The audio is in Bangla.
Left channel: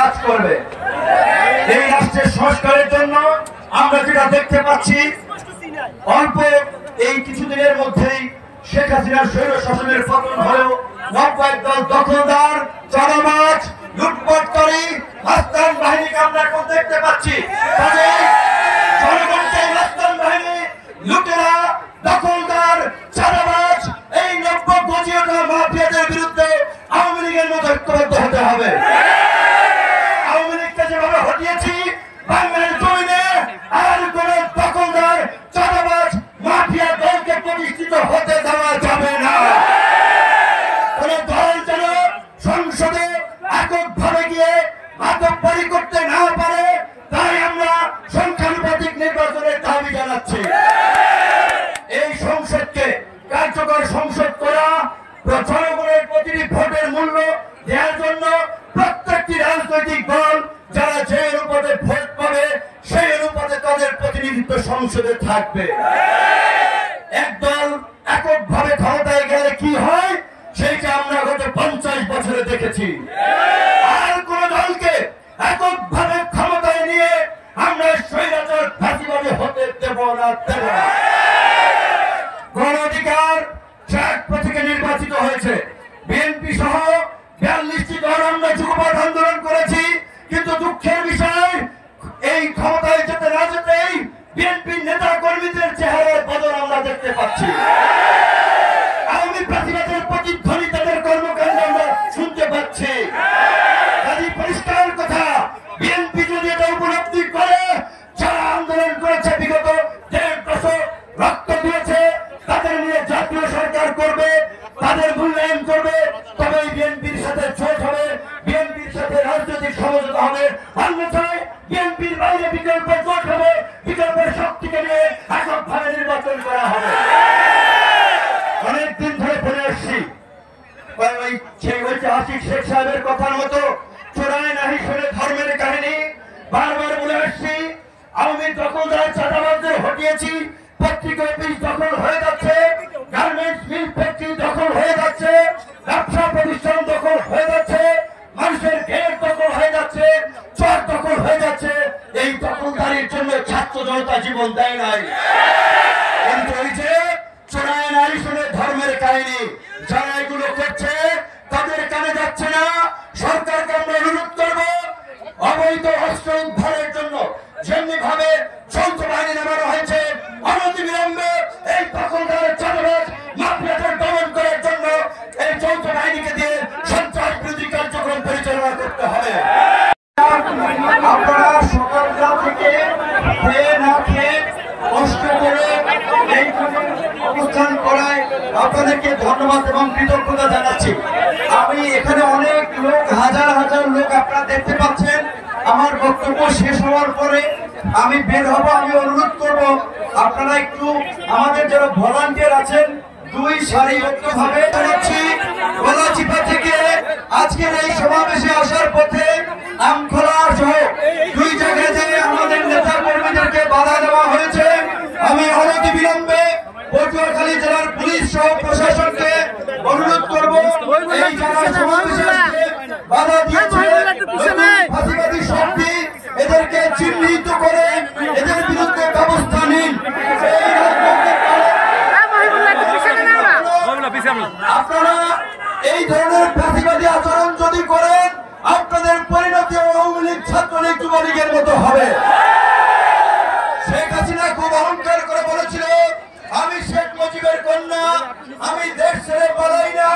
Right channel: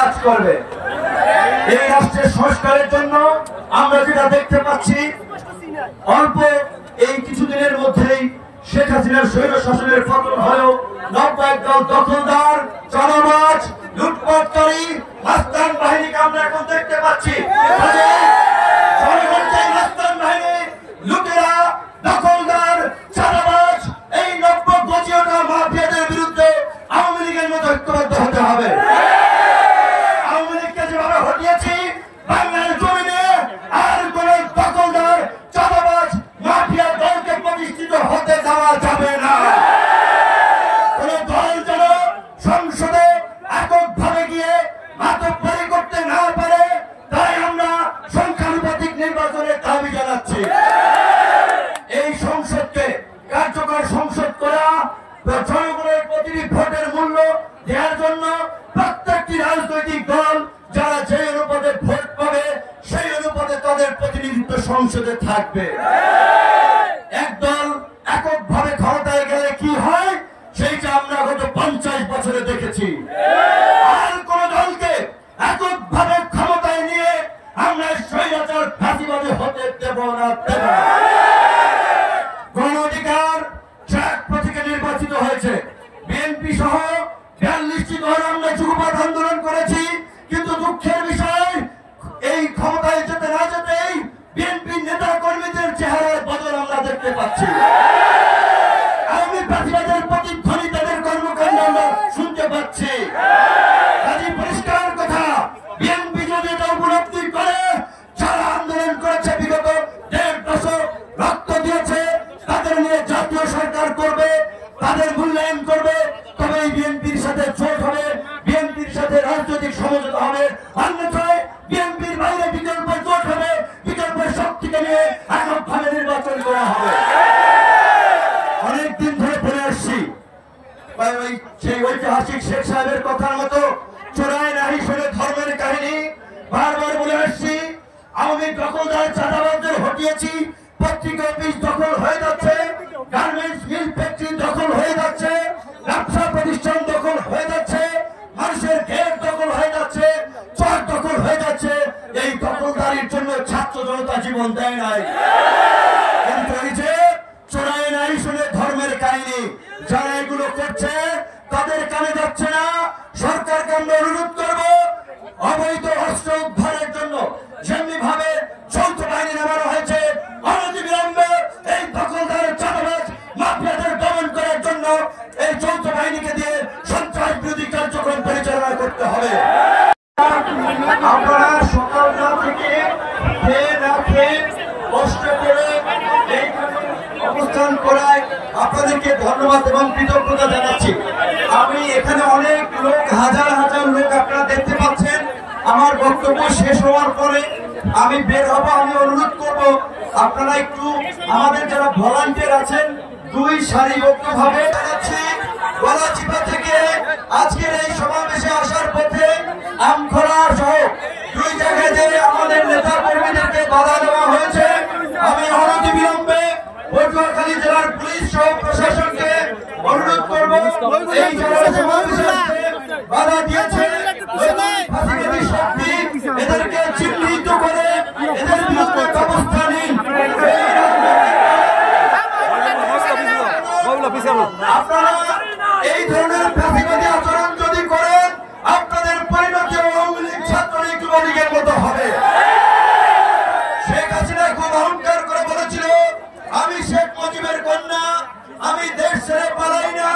কাজ করবে। এই রাষ্ট্রের সংস্কারের জন্য আমরা যেটা দেখতে পাচ্ছি, অল্প এই কিছুদিনের মধ্যেই শেখ হাসিনার স্বৈর শাসনের পতন হলেও নব্বই দল দখলদার, জনমাজ, লুটপাটকারী, মাস্তান বাহিনীকে আমরা এখন দেখতে পাচ্ছি। মাস্তান বাহিনী, লুটেরা, দখলদার, জনমাজ, এই নব্বই গজিয়াটা মাফিয়াদের বিরুদ্ধে আওয়ামী লীগের মতো ঐক্যবদ্ধ হতে হবে। আওয়ামী লীগকে যেভাবে হটিয়েছি, বাংলার জমিনে আর কোন দখলদার, জনমাজ, মাফিয়া দলকে প্রতিষ্ঠিত হতে দেওয়া যাবে না। কোন দল যেন সংসদে এককভাবে গিয়ে মাতব্বরি করতে না পারে, তাই আমরা সংখ্যানুপাতিক নির্বাচনের দাবি জানাচ্ছি। এই সংসদকে কার্যকর সংসদ করা, জনগণের প্রতিটি ভোটের মূল্য দেওয়ার জন্য প্রত্যেকটি রাজনৈতিক দল যারা যে অনুপাতে ভোট পাবে সেই অনুপাতে তাদের প্রতিনিধিত্ব সংসদে থাকবে। একদল এককভাবে ক্ষমতায় গেলে কি হয় সেইটা আমরা গত 50 বছরে দেখেছি। আর কোন দলকে এককভাবে ক্ষমতায় নিয়ে আমরা স্বৈরাচার ফাঁসিবাদী হতে দেব না। গণ অধিকার ট্রাক প্রতীকে নির্বাচিত হয়েছে। বিএনপি সহ 42টি দল আমরা যুগপৎ আন্দোলন করেছি, কিন্তু দুঃখের বিষয় এই ক্ষমতায় যেতে না যেতেই বিএনপি নেতা কর্মীদের চেহারার বদল আমরা দেখতে পাচ্ছি। আওয়ামী ফাঁসিবাদের প্রতিধ্বনি তাদের কর্মকাণ্ড আমরা শুনতে পাচ্ছি। কাজেই পরিষ্কার কথা, বিএনপি যদি এটা উপলব্ধি করে, যারা আন্দোলন করেছে বিগত 1.5 দশক রক্ত দিয়েছে, তাদের নিয়ে জাতীয় সরকার করবে, তাদের মূল্যায়ন করবে, তবেই বিএনপির সাথে জোট হবে, বিএনপির সাথে রাজনৈতিক সমঝোতা হবে। অন্যথায় বিএনপির বাইরে বিকল্প জোট হবে, বিকল্প শক্তিকে নিয়ে এককভাবে নির্বাচন করা হবে। অনেকদিন ধরে বলে আসছি, সেই ঐতিহাসিক শেখ সাহেবের কথার মতো চোরায় নাহি শুনে ধর্মের কাহিনী বারবার বলে আসছি। আওয়ামী দখলদার চাঁদাবাজদের হটিয়েছি, পত্রিকা অফিস দখল হয়ে যাচ্ছে, গার্মেন্টস মিল ফ্যাক্টরি দখল হয়ে যাচ্ছে, ব্যবসা প্রতিষ্ঠান দখল হয়ে যাচ্ছে, মানুষের গেট দখল হয়ে যাচ্ছে, চর দখল হয়ে যাচ্ছে। এই দখলদারির জন্য ছাত্র জনতা জীবন দেয় নাই। কিন্তু এই যে চোরায় নারী শুনে ধর্মের কাহিনী, যারা এগুলো করছে তাদের কানে যাচ্ছে না। সরকারকে আমরা অনুরোধ করব, অবৈধ অস্ত্র উদ্ধারের জন্য যেমনি ভাবে যৌথ বাহিনী নামানো হয়েছে, অনতিবিলম্বে এই দখলদার, চাঁদাবাজ, মাফিয়াদের দমন করার জন্য এই যৌথ বাহিনীকে দিয়ে সন্ত্রাস বিরোধী কার্যক্রম পরিচালনা করতে হবে। আপনারা সকালবেলা থেকে খেয়ে না খেয়ে কষ্ট করে এইখানে অবস্থান করায় আপনাদেরকে ধন্যবাদ এবং কৃতজ্ঞতা জানাচ্ছি। আমি এখানে অনেক লোক, হাজার হাজার লোক আপনারা দেখতে পাচ্ছেন। আমার বক্তব্য শেষ হওয়ার পরে আমি বের হব। আমি অনুরোধ করব আপনারা একটু আমাদের যারা ভলান্টিয়ার আছেন 2 সারিবদ্ধভাবে জানাচ্ছি। গলাচিপা থেকে আজকের এই সমাবেশে আসার পথে আমখোলা সহ 2 জায়গায় যে আমাদের নেতা কর্মীদেরকে বাধা দেওয়া হয়েছে, আমি অনতিবিলম্বে পটুয়াখালী জেলার পুলিশ সহ প্রশাসনকে অনুরোধ করব বাধা দিয়েছে ফাঁসিবাদী শক্তি, এদেরকে চিহ্নিত করে এদের বিরুদ্ধে ব্যবস্থা নিন। আপনারা এই ধরনের ফাঁসিবাদী আচরণ যদি করেন, আপনাদের পরিণতি আওয়ামী লীগ, ছাত্রলীগ, যুবলীগের মতো হবে। শেখ হাসিনা খুব অহংকার করে বলেছিল, আমি শেখ মুজিবের কন্যা, আমি দেশ ছেড়ে পালাই না,